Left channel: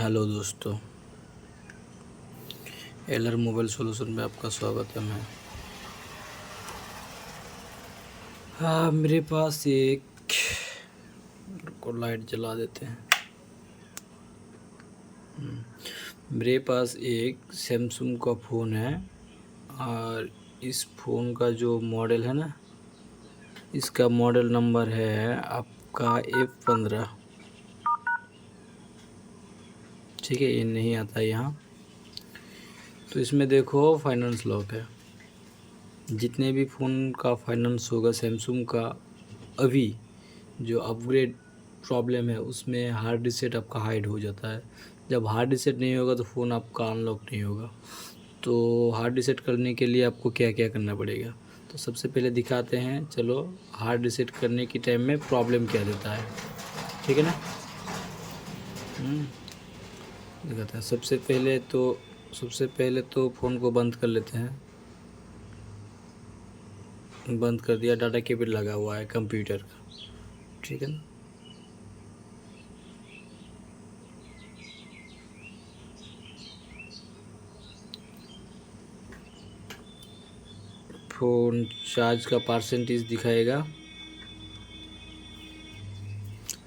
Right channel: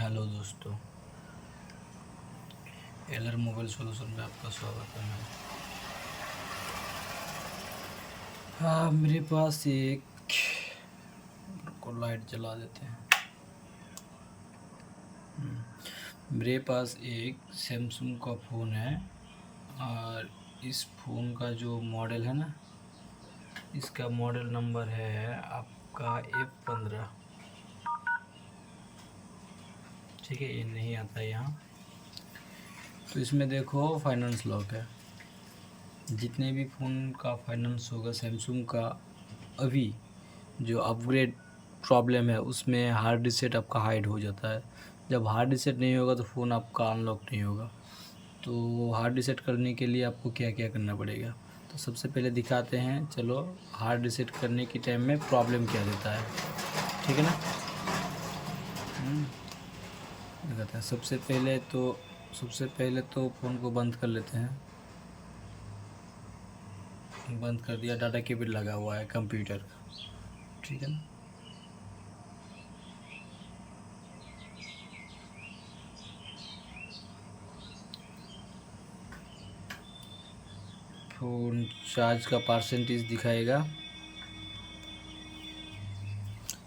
Hello दोस्तों, एलर mobile solution में आपका स्वागत है। मैं मेरे पास एक को लाइट जला देते हैं। मेरे पास एक सैमसंग का फ़ोन है और इस फ़ोन का जो मॉडल है ना, इसका मॉडल नंबर है आपका F15। ठीक है, ये नहीं आता यहाँ। तो इसमें देखो फाइनेंस लॉक है। जितने भी फ़ोन का फाइनेंस होगा सैमसंग का, अभी जो अपग्रेड प्रॉब्लम है उसमें हार्ड रीसेट आपका हाइड हो जाता है। जब हार्ड रीसेट नहीं होगा तो फ़ोन आपका अनलॉक नहीं होगा। तो हार्ड रीसेट करने के लिए आपको क्या क्या करना पड़ेगा, तो सबसे पहले दिखाते हैं। चलो, हार्ड रीसेट करने के टाइम में प्रॉब्लम क्या देता है, ठीक है ना। दिखाते हैं। सबसे पहले तो फ़ोन को बंद कर लेते हैं। बंद कर दिया, डाटा केबल लगा हुआ है कंप्यूटर का, ठीक है ना। फ़ोन चार्ज का परसेंटेज दिखाएगा,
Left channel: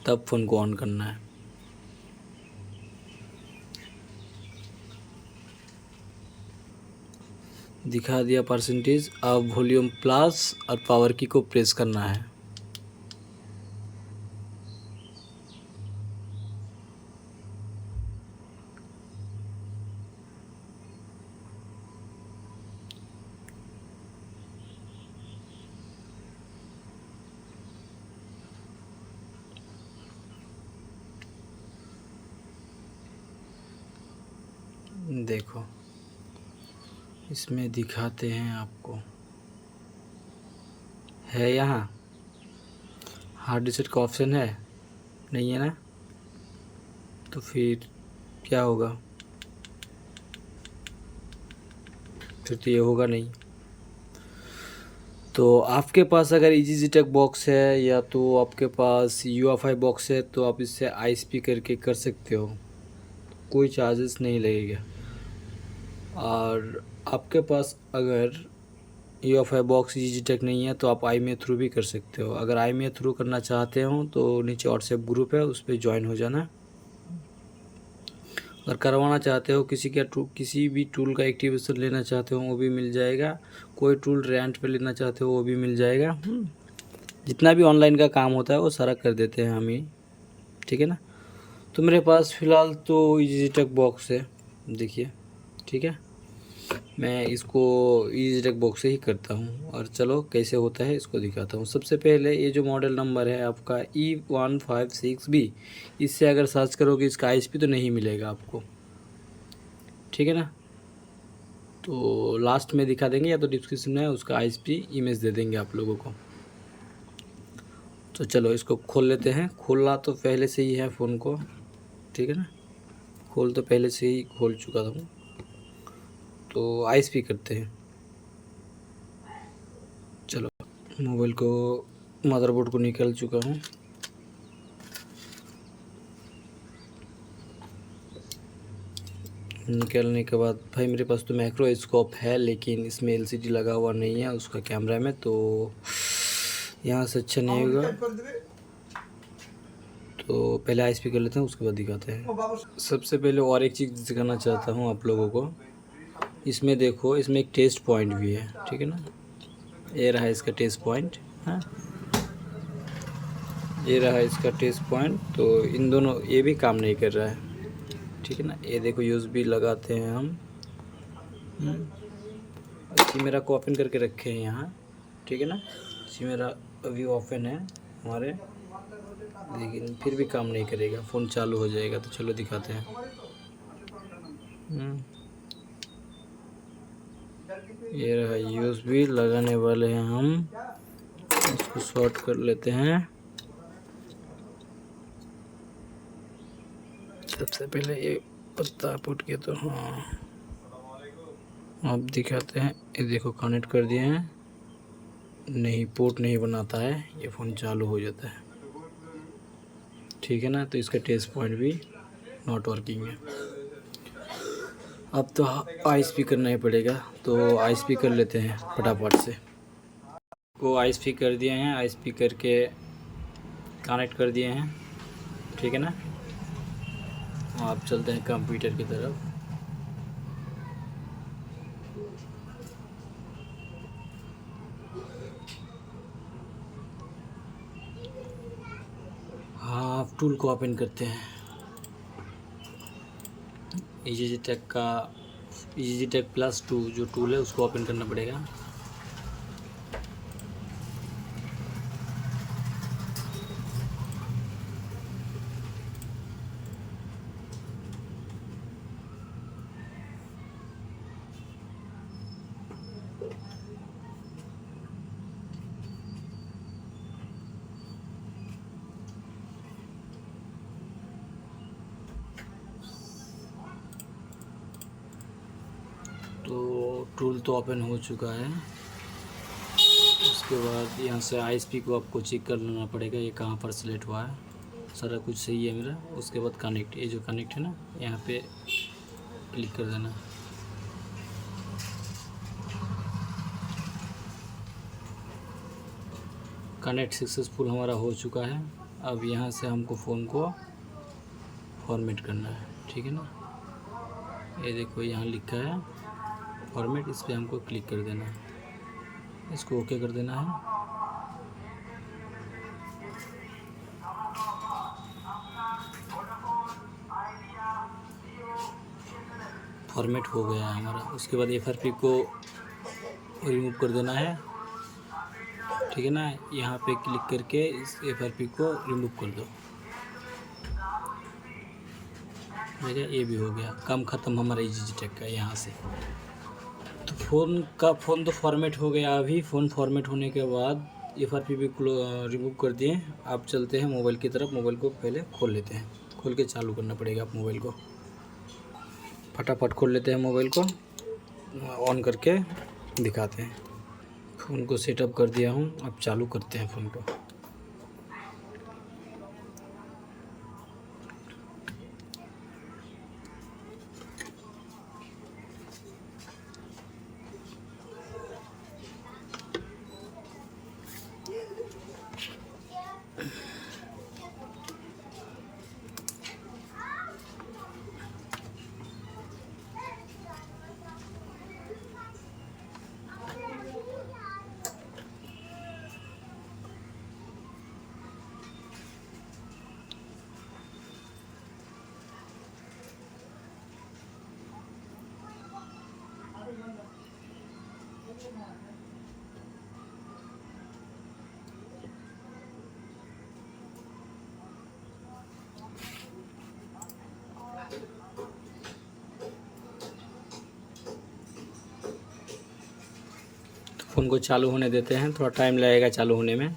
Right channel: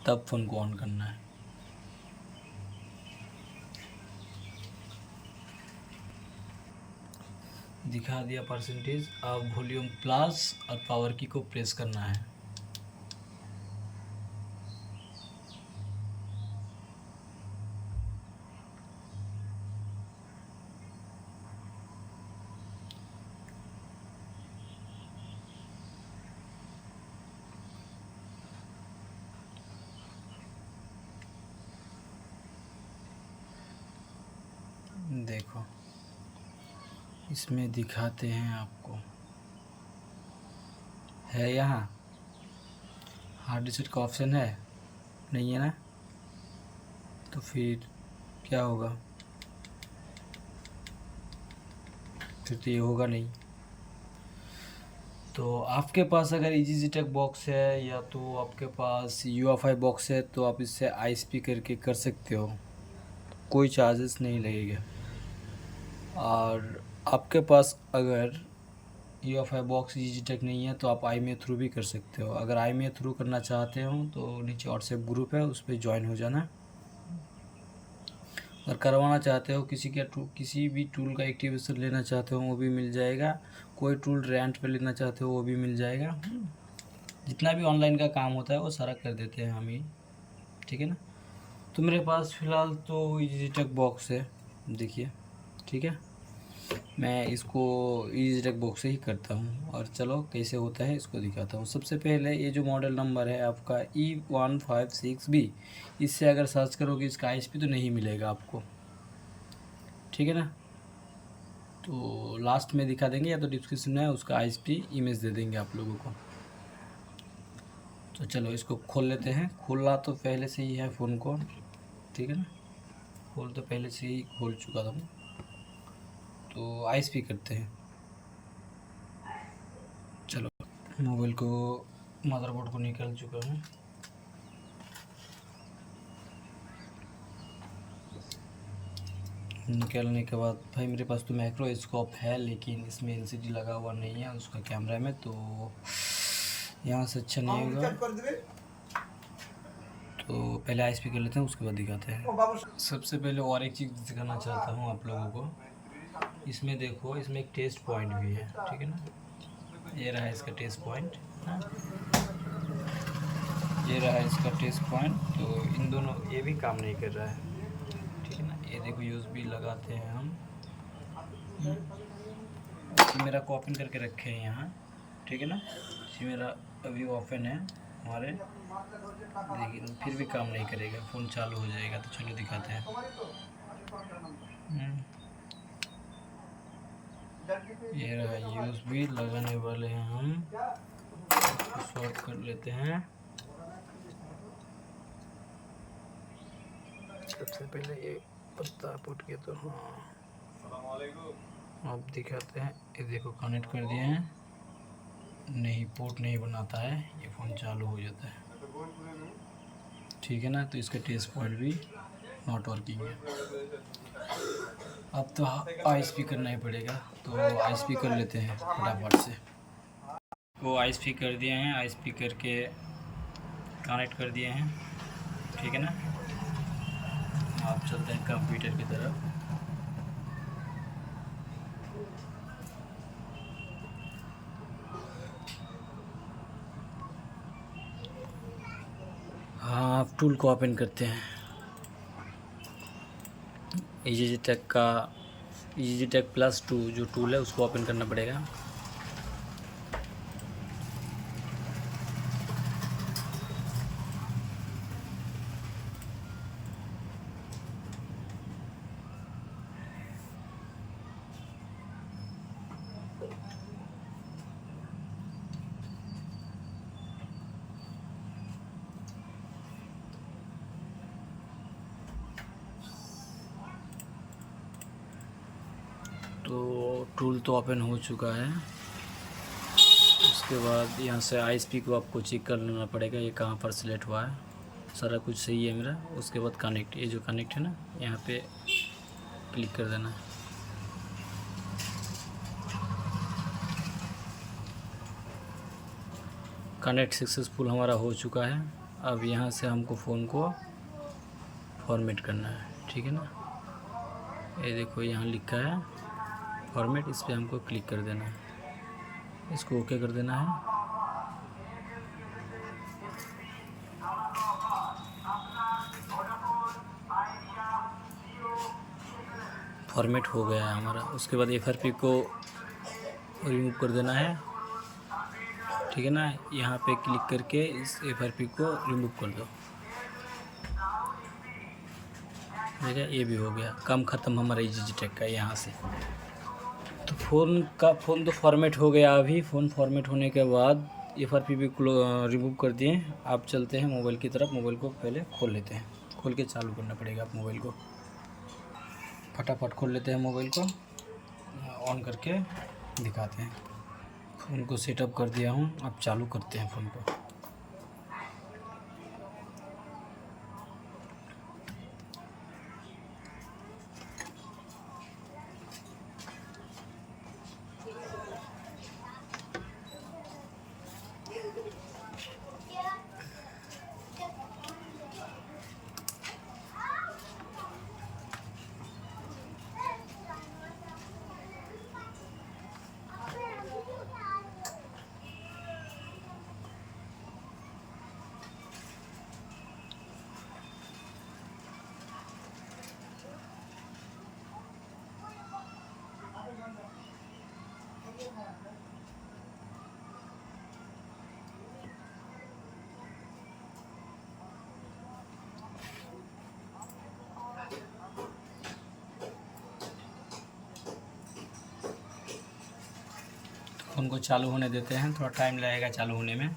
तब फ़ोन को ऑन करना है। दिखा दिया परसेंटेज। अब वॉल्यूम प्लस और पावर की को प्रेस करना है। देखो, इसमें दिखाते हैं आपको, है यहाँ हार्ड डिस्क का ऑप्शन है, नहीं है ना। तो फिर क्या होगा, फिर तो ये होगा नहीं। तो आपके पास अगर EasyTech बॉक्स है या तो आपके पास UFI बॉक्स है तो आप इससे ISP करके कर सकते हो, कोई चार्जेस नहीं लगेगा। और आपके पास अगर UFI बॉक्स EasyTech नहीं है तो आप IMEI थ्रू भी कर सकते हो। अगर IMEI थ्रू करना चाहते हो तो नीचे व्हाट्सएप ग्रुप है, उस पर ज्वाइन हो जाना। अगर करवाना चाहते हो किसी भी टूल का एक्टिवेशन लेना चाहते हो वो भी मिल जाएगा। कोई टूल रेंट पे लेना चाहते हो वो भी मिल जाएगा। जितना भी ऑनलाइन का काम होता है वो सारा कर देते हैं हम ही, ठीक है ना। तो मेरे पास फ़िलहाल तो EasyTech बॉक्स है, देखिए, ठीक है। मैं इसको EasyTech बॉक्स से ही करता हूँ और चलो कैसे होता है इसको दिखाता हूँ। सबसे पहले ये जो मॉडल नंबर है आपका E156B, इससे अगर सर्च करोगे इसका ISP तो नहीं मिलेगा आपको, ठीक है ना। तो लास्ट में दिखा देंगे या तो डिस्क्रिप्शन में उसका ISP इमेज दे देंगे आप लोगों को। तो चलो इसको खोल लेते हैं। खोलना तो पहले से ही है फ़ोन को, ठीक है ना। खोल तो पहले से ही खोल चुका था। तो ISP करते हैं। चलो, मोबाइल को, मदरबोर्ड को निकाल चुका हूँ। निकालने के बाद भाई मेरे पास तो माइक्रोस्कोप है लेकिन इसमें LCD लगा हुआ नहीं है उसका कैमरा में, तो यहाँ से अच्छा नहीं होगा। तो पहले ISP कर लेते हैं, उसके बाद दिखाते हैं। सबसे पहले और एक चीज़ दिखाना चाहता हूँ आप लोगों को। इसमें देखो, इसमें एक टेस्ट पॉइंट भी है, ठीक है ना। ये रहा इसका टेस्ट पॉइंट, हाँ, ये रहा इसका टेस्ट पॉइंट। तो इन दोनों, ये भी काम नहीं कर रहा है, ठीक है ना। ये देखो USB लगाते हैं हम। मेरा को ओपन करके रखे हैं यहाँ, ठीक है ना। मेरा अभी ओपन है हमारे, लेकिन फिर भी काम नहीं करेगा। फ़ोन चालू हो जाएगा, तो चलो दिखाते हैं। ये रहा USB लगाने वाले हैं हम, इसको शॉर्ट कर लेते हैं। सबसे पहले ये पत्ता पुट के, तो हाँ अब दिखाते हैं। ये देखो कनेक्ट कर दिए हैं, नहीं पोर्ट नहीं बनाता है, ये फ़ोन चालू हो जाता है, ठीक है ना। तो इसका टेस्ट पॉइंट भी नॉट वर्किंग है। अब तो आई स्पीकर करना ही पड़ेगा, तो आई स्पीकर कर लेते हैं फटाफट से। को आई स्पीकर कर दिए हैं, आई स्पीकर के कनेक्ट कर दिए हैं, ठीक है ना। आप चलते हैं कंप्यूटर की तरफ। हाँ, आप टूल को ओपन करते हैं। EasyTech का EasyTech +2 जो टूल है उसको ओपन करना पड़ेगा। तो टूल तो ओपन हो चुका है। उसके बाद यहाँ से ISP को आपको चेक कर लेना पड़ेगा, ये कहाँ पर सिलेक्ट हुआ है। सारा कुछ सही है मेरा। उसके बाद कनेक्ट, ये जो कनेक्ट है ना, यहाँ पे क्लिक कर देना है। कनेक्ट सक्सेसफुल हमारा हो चुका है। अब यहाँ से हमको फ़ोन को फॉर्मेट करना है, ठीक है ना। ये देखो यहाँ लिखा है फॉर्मेट, इस पर हमको क्लिक कर देना है, इसको ओके कर देना है। फॉर्मेट हो गया है हमारा। उसके बाद FRP को रिमूव कर देना है, ठीक है ना। यहाँ पे क्लिक करके इस FRP को रिमूव कर दो। ठीक है, ये भी हो गया काम ख़त्म हमारा EasyTech का। यहाँ से तो फ़ोन तो फॉर्मेट हो गया। अभी फ़ोन फॉर्मेट होने के बाद FRP भी रिमूव कर दिए। आप चलते हैं मोबाइल की तरफ। मोबाइल को पहले खोल लेते हैं, खोल के चालू करना पड़ेगा। आप मोबाइल को फटाफट खोल लेते हैं, मोबाइल को ऑन करके दिखाते हैं। फ़ोन को सेटअप कर दिया हूँ, अब चालू करते हैं फ़ोन को। फ़ोन को चालू होने देते हैं, थोड़ा टाइम लगेगा चालू होने में।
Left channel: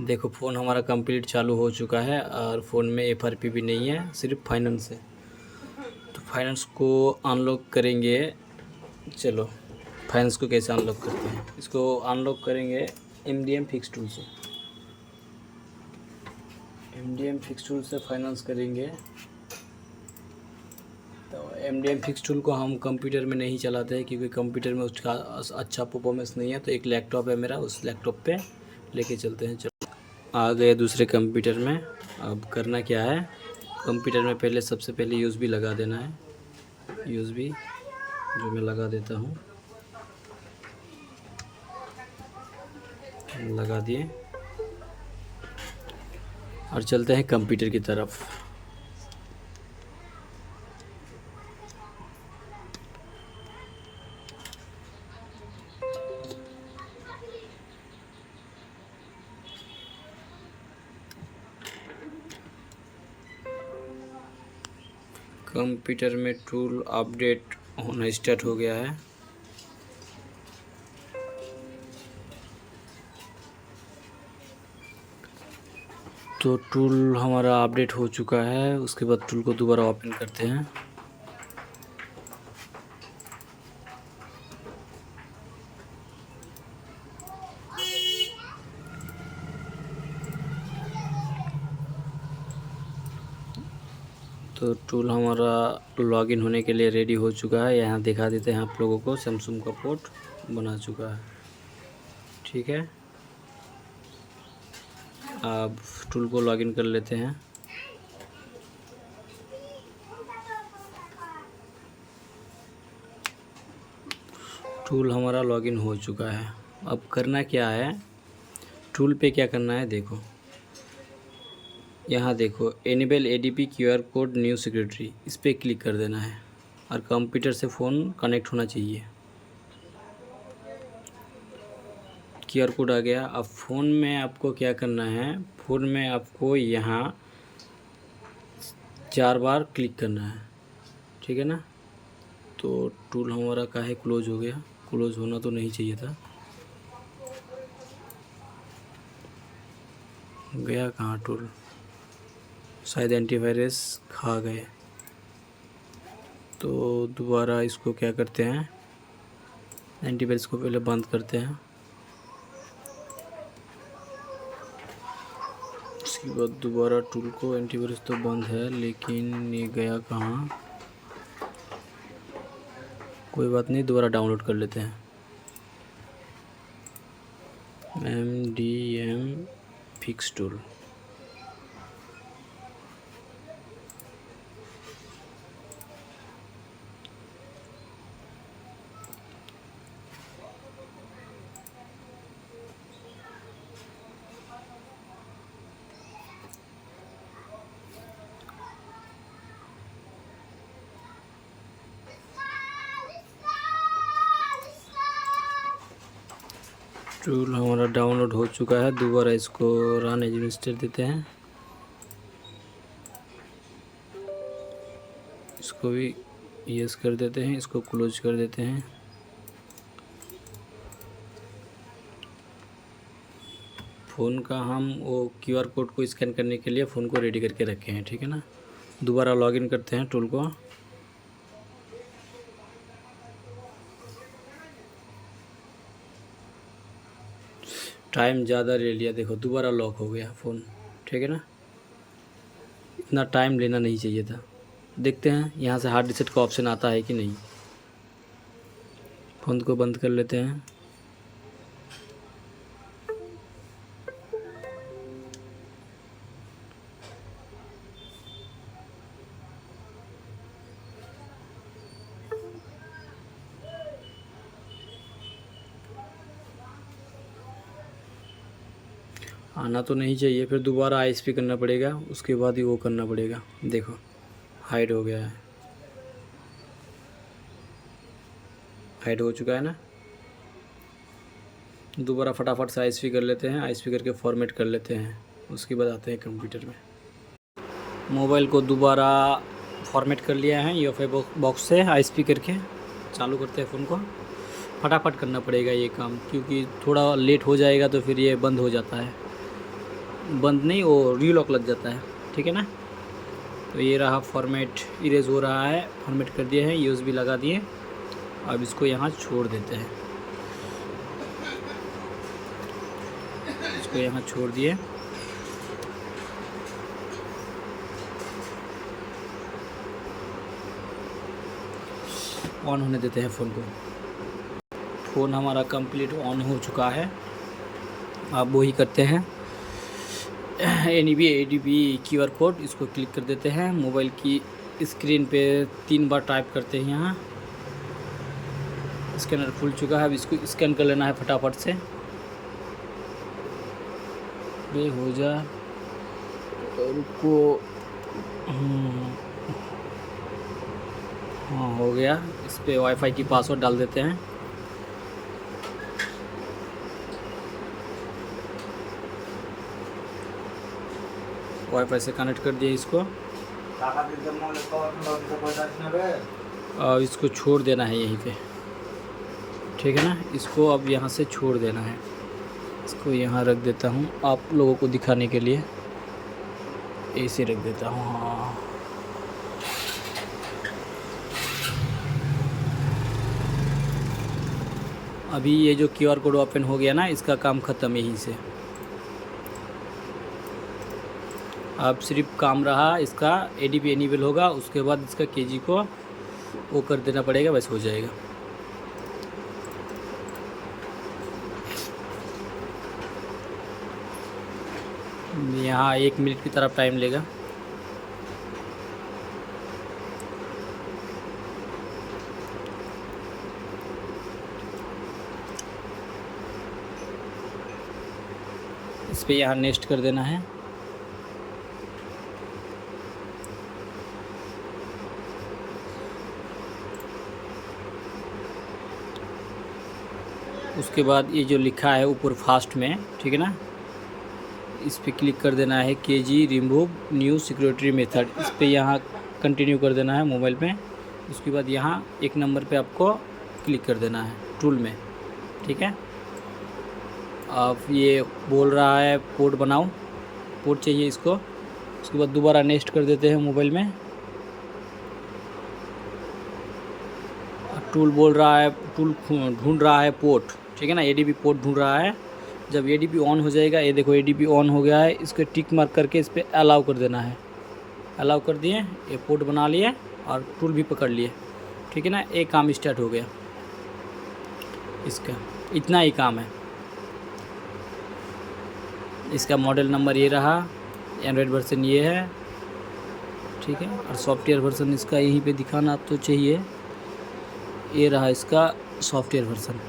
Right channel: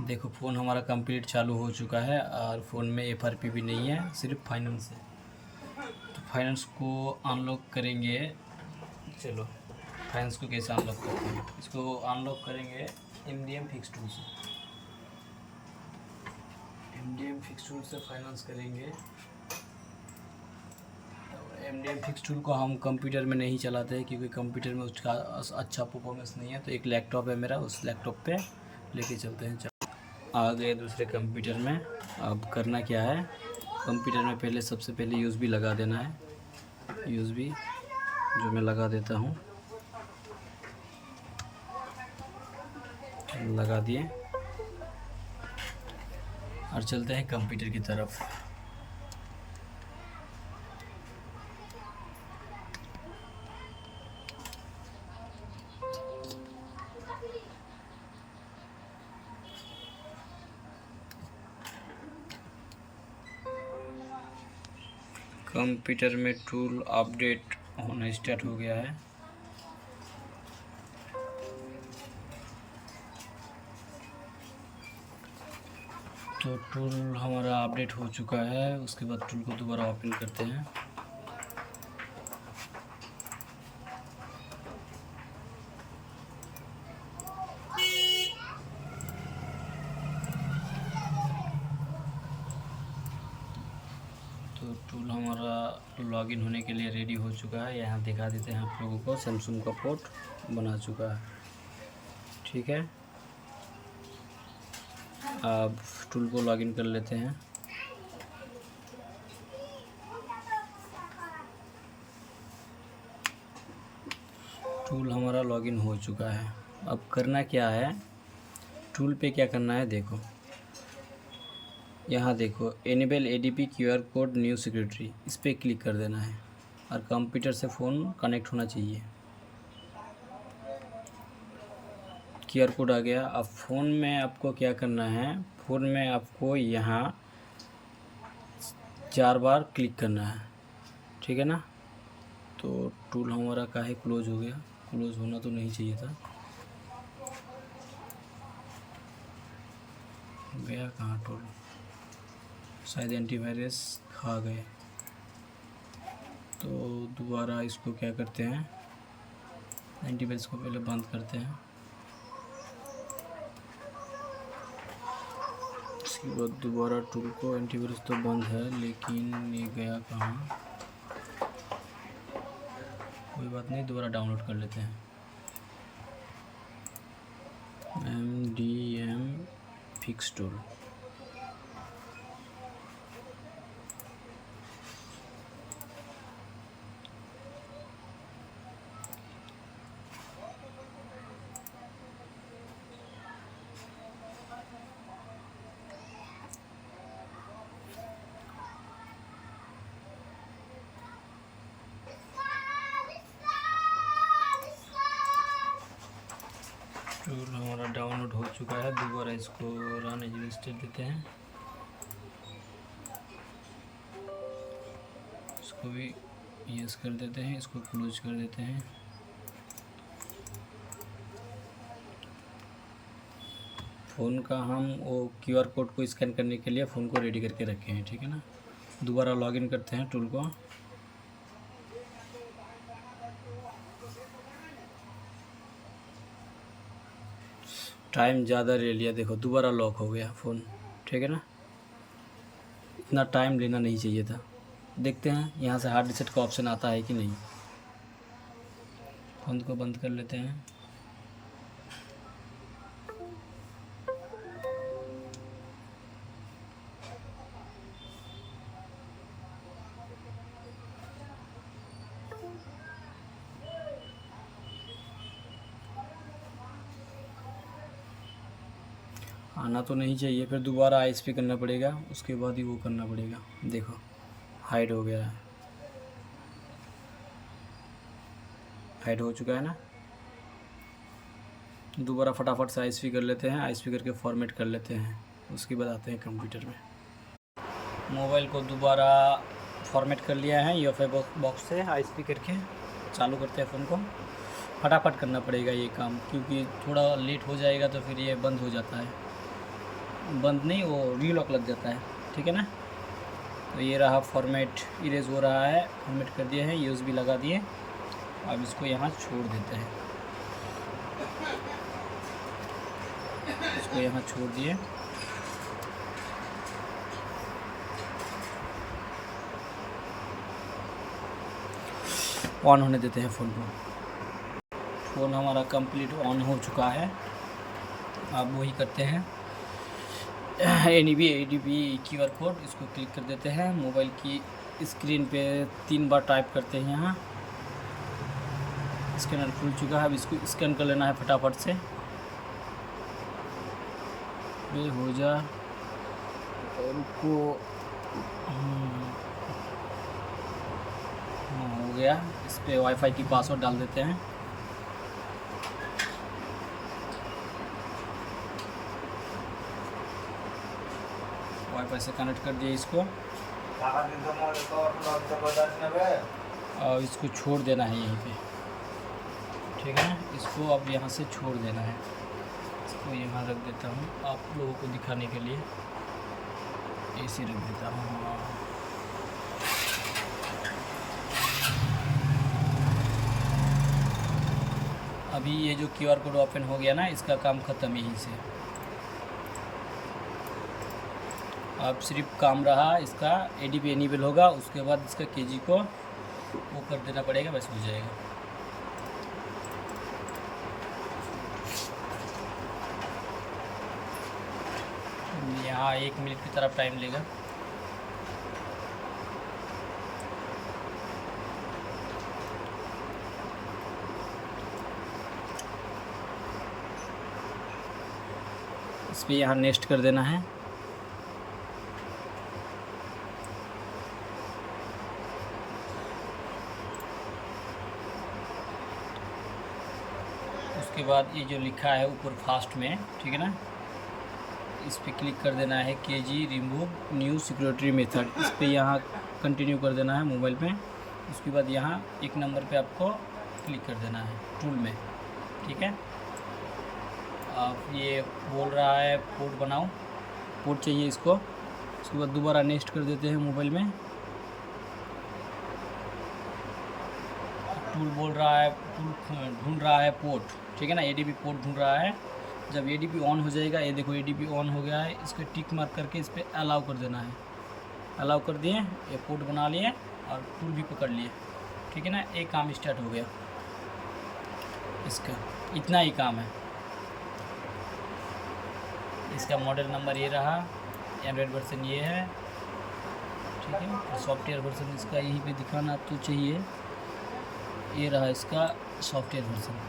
देखो फ़ोन हमारा कंप्लीट चालू हो चुका है और फ़ोन में FRP भी नहीं है, सिर्फ फाइनेंस है। तो फाइनेंस को अनलॉक करेंगे। चलो फाइनेंस को कैसे अनलॉक करते हैं, इसको अनलॉक करेंगे MDM फिक्स टूल से। MDM फिक्स टूल से फाइनेंस करेंगे। तो MDM फिक्स टूल को हम कंप्यूटर में नहीं चलाते हैं, क्योंकि कंप्यूटर में उसका अच्छा परफॉर्मेंस नहीं है। तो एक लैपटॉप है मेरा, उस लैपटॉप पे लेके चलते हैं। आ गए दूसरे कंप्यूटर में। अब करना क्या है, कंप्यूटर में पहले सबसे पहले USB लगा देना है। USB जो मैं लगा देता हूँ, लगा दिए और चलते हैं कंप्यूटर की तरफ। कंप्यूटर में टूल अपडेट होना स्टार्ट हो गया है। तो टूल हमारा अपडेट हो चुका है। उसके बाद टूल को दोबारा ओपन करते हैं। तो टूल हमारा लॉगिन होने के लिए रेडी हो चुका है। यहाँ दिखा देते हैं आप लोगों को, सैमसंग का पोर्ट बना चुका है। ठीक है, अब टूल को लॉगिन कर लेते हैं। टूल हमारा लॉगिन हो चुका है। अब करना क्या है, टूल पे क्या करना है देखो, यहाँ देखो enable ADP QR code new security, इस पर क्लिक कर देना है और कंप्यूटर से फ़ोन कनेक्ट होना चाहिए। क्यूआर कोड आ गया। अब फ़ोन में आपको क्या करना है, फ़ोन में आपको यहाँ 4 बार क्लिक करना है। ठीक है ना। तो टूल हमारा काहे क्लोज हो गया, क्लोज होना तो नहीं चाहिए था। गया कहाँ टूल, शायद एंटीवायरस खा गए। तो दोबारा इसको क्या करते हैं, एंटीवायरस को पहले बंद करते हैं, उसके बाद दोबारा टूल को, एंटीवायरस तो बंद है लेकिन ये गया कहाँ, कोई बात नहीं, दोबारा डाउनलोड कर लेते हैं। MDM फिक्स टूल, टूल हमारा डाउनलोड हो चुका है। दोबारा इसको रन एज इंस्टॉल देते हैं, इसको भी यस कर देते हैं, इसको क्लोज कर देते हैं। फ़ोन का हम वो क्यूआर कोड को स्कैन करने के लिए फ़ोन को रेडी करके रखे हैं। ठीक है ना। दोबारा लॉगिन करते हैं टूल को। टाइम ज़्यादा ले लिया, देखो दोबारा लॉक हो गया फ़ोन। ठीक है ना, इतना टाइम लेना नहीं चाहिए था। देखते हैं यहाँ से हार्ड रीसेट का ऑप्शन आता है कि नहीं। फ़ोन को बंद कर लेते हैं। आना तो नहीं चाहिए, फिर दोबारा ISP करना पड़ेगा, उसके बाद ही वो करना पड़ेगा। देखो हाइड हो गया है, हाइड हो चुका है ना। दोबारा फटाफट से ISP कर लेते हैं, ISP करके फॉर्मेट कर लेते हैं, उसके बाद आते हैं कंप्यूटर में। मोबाइल को दोबारा फॉर्मेट कर लिया है UFI बॉक्स से, ISP करके चालू करते हैं फ़ोन को। फटाफट करना पड़ेगा ये काम, क्योंकि थोड़ा लेट हो जाएगा तो फिर ये बंद हो जाता है, बंद नहीं वो रीलॉक लग जाता है। ठीक है ना। तो ये रहा फॉर्मेट, इरेज हो रहा है, फॉर्मेट कर दिए हैं, USB लगा दिए। अब इसको यहाँ छोड़ देते हैं, इसको यहाँ छोड़ दिए। ऑन होने देते हैं फ़ोन को। फ़ोन हमारा कंप्लीट ऑन हो चुका है। अब वही करते हैं, ADB QR कोड, इसको क्लिक कर देते हैं। मोबाइल की स्क्रीन पे 3 बार टाइप करते हैं। यहाँ स्कैनर खुल चुका है, अब इसको स्कैन कर लेना है फटाफट से। बे हो जा, रुको, हाँ हो गया। इस पे वाईफाई की पासवर्ड डाल देते हैं। वाईफाई से कनेक्ट कर दिया इसको, और इसको छोड़ देना है यहीं पे। ठीक है ना। इसको अब यहाँ से छोड़ देना है, इसको यहाँ रख देता हूँ आप लोगों को दिखाने के लिए, ऐसे रख देता हूँ। हाँ अभी ये जो QR कोड ओपन हो गया ना, इसका काम ख़त्म यहीं से। अब सिर्फ काम रहा इसका ADP एनेबल होगा, उसके बाद इसका KG को वो कर देना पड़ेगा, बस हो जाएगा। यहाँ 1 मिनट की तरफ टाइम लेगा। इस पर यहाँ नेक्स्ट कर देना है। उसके बाद ये जो लिखा है ऊपर फास्ट में, ठीक है ना, इस पर क्लिक कर देना है KG remove new security method. इस पर यहाँ कंटिन्यू कर देना है मोबाइल में। उसके बाद यहाँ 1 नंबर पे आपको क्लिक कर देना है टूल में, ठीक है। अब ये बोल रहा है पोर्ट बनाओ, पोर्ट चाहिए इसको। उसके बाद दोबारा नेक्स्ट कर देते हैं मोबाइल में। टूल बोल रहा है, टूल ढूंढ रहा है पोर्ट, ठीक है ना, ADP पोर्ट ढूंढ रहा है। जब ADP ऑन हो जाएगा, ये देखो ADP ऑन हो गया है, इसको टिक मार्क करके इस पर अलाउ कर देना है। अलाउ कर दिए, ये पोर्ट बना लिए और टूल भी पकड़ लिए, ठीक है ना। एक काम स्टार्ट हो गया इसका, इतना ही काम है। इसका मॉडल नंबर ये रहा, एंड्रॉयड वर्जन ये है, ठीक है। और सॉफ्टवेयर वर्जन इसका यहीं पे दिखाना तो चाहिए, ये रहा इसका सॉफ्टवेयर वर्जन,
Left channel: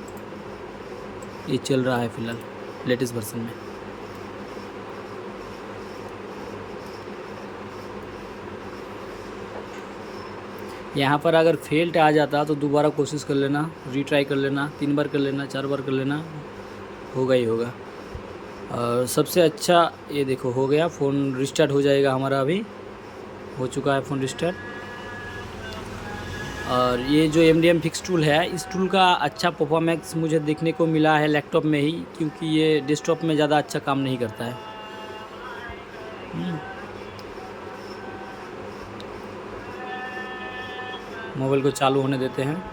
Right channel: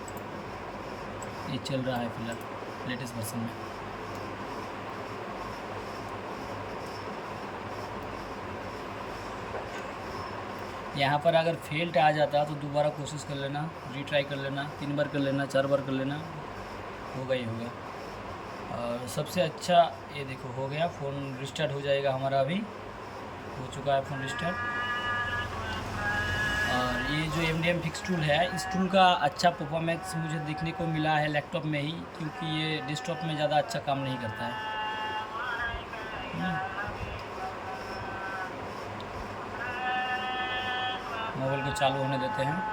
ये चल रहा है फिलहाल लेटेस्ट वर्जन में। यहाँ पर अगर फेल्ट आ जाता तो दोबारा कोशिश कर लेना, रीट्राई कर लेना, 3 बार कर लेना, 4 बार कर लेना, होगा ही होगा। और सबसे अच्छा ये देखो हो गया, फ़ोन रिस्टार्ट हो जाएगा हमारा, अभी हो चुका है फ़ोन रिस्टार्ट। और ये जो MDM फिक्स टूल है, इस टूल का अच्छा परफॉर्मेंस मुझे देखने को मिला है लैपटॉप में ही, क्योंकि ये डेस्कटॉप में ज़्यादा अच्छा काम नहीं करता है। मोबाइल को चालू होने देते हैं।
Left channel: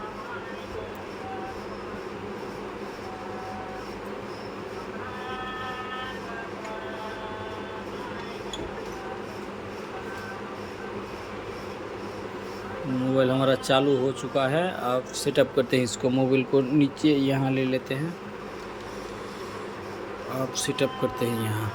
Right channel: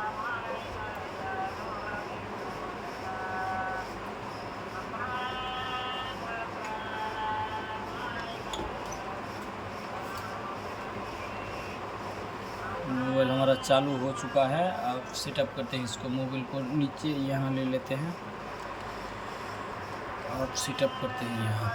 मोबाइल हमारा चालू हो चुका है। अब सेटअप करते हैं इसको, मोबाइल को नीचे यहाँ ले लेते हैं। अब सेटअप करते हैं यहाँ।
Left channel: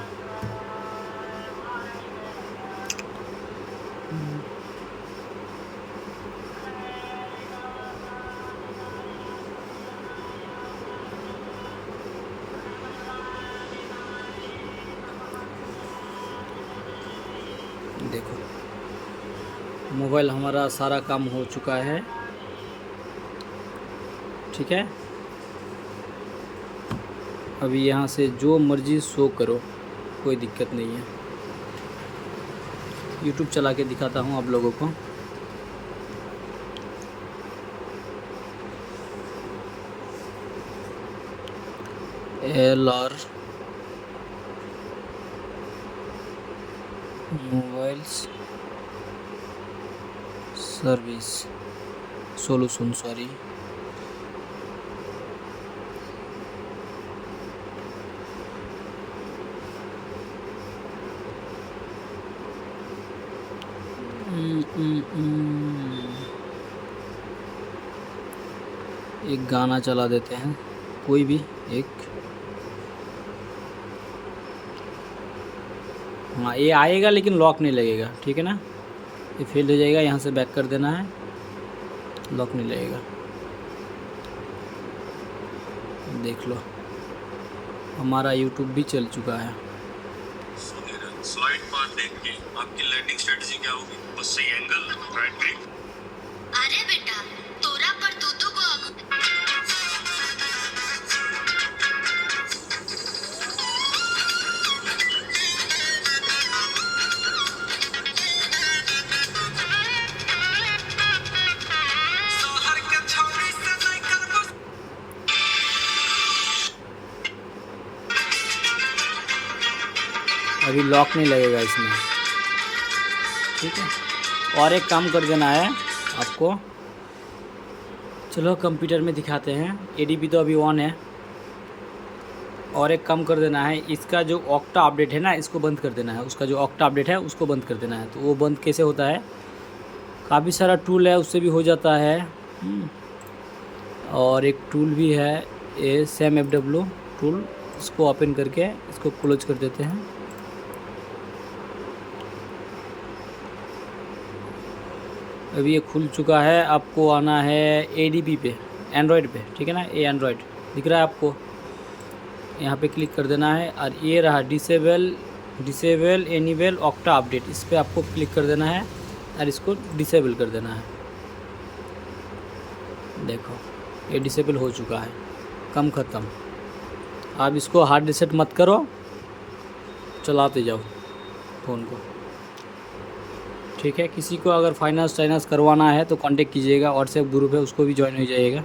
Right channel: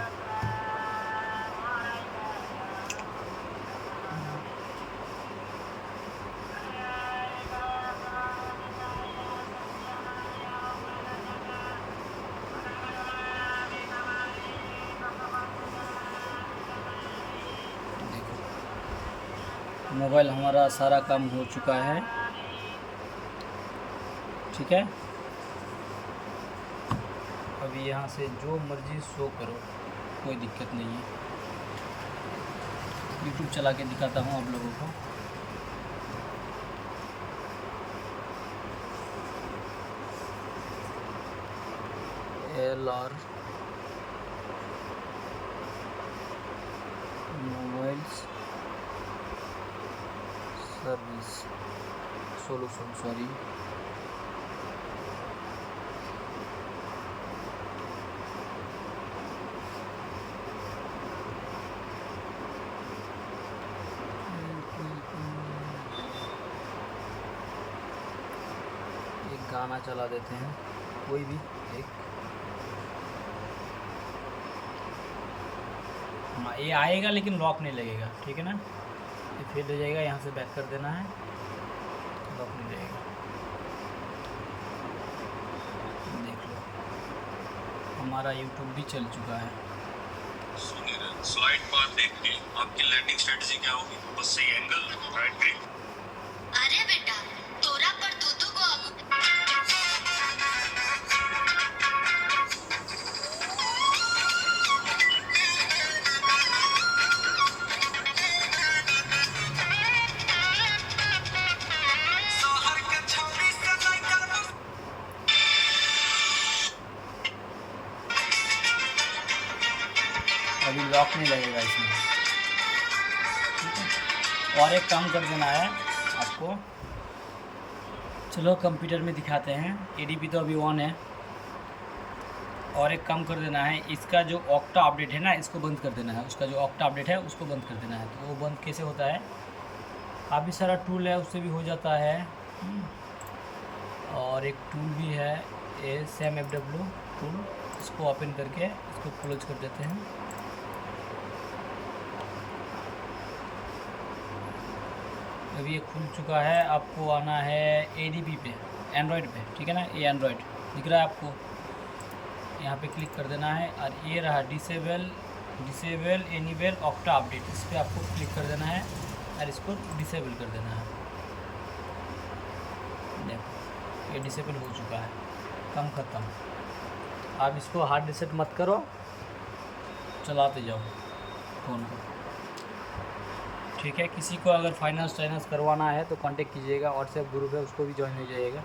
देखो मोबाइल हमारा सारा काम हो चुका है, ठीक है। अभी यहाँ से जो मर्जी शो करो, कोई दिक्कत नहीं है। यूट्यूब चला के दिखाता हूँ आप लोगों को। LR mobiles service solution, sorry, एक गाना चला देते हैं, कोई भी एक। हाँ ये आएगा लेकिन लॉक नहीं लगेगा, ठीक है ना। ये फेल हो जाएगा, यहाँ से बैक कर देना है, लॉक नहीं लगेगा। देख लो हमारा यूट्यूब भी चल चुका है। सुनील, स्लाइड पाथ देख के आपकी लैंडिंग स्ट्रेटजी क्या होगी? बस सही एंगल, राइट क्लिक। अरे बेटा, तोरा पर दूधू को अभी लॉक नहीं लगेगा इसमें, ठीक है। और एक काम कर देना है आपको, चलो कंप्यूटर में दिखाते हैं। ADP तो अभी ऑन है, और एक काम कर देना है, इसका जो ऑक्टा अपडेट है ना इसको बंद कर देना है, उसका जो ऑक्टा अपडेट है उसको बंद कर देना है। तो वो बंद कैसे होता है, काफ़ी सारा टूल है उससे भी हो जाता है। और एक टूल भी है ये SAMFW टूल, इसको ओपन करके इसको क्लोज कर देते हैं। अभी ये खुल चुका है, आपको आना है ADP पे, एंड्रॉयड पे, ठीक है ना। ये एंड्रॉयड दिख रहा है आपको, यहाँ पे क्लिक कर देना है। और ये रहा डिसेबल एनेबल ऑक्टा अपडेट, इस पर आपको क्लिक कर देना है और इसको डिसेबल कर देना है। देखो ये डिसेबल हो चुका है, कम ख़त्म। अब इसको हार्ड रिसेट मत करो, चलाते जाओ फ़ोन को, ठीक है। किसी को अगर फाइनेंस करवाना है तो कांटेक्ट कीजिएगा, व्हाट्सएप ग्रुप है उसको भी ज्वाइन हो जाइएगा।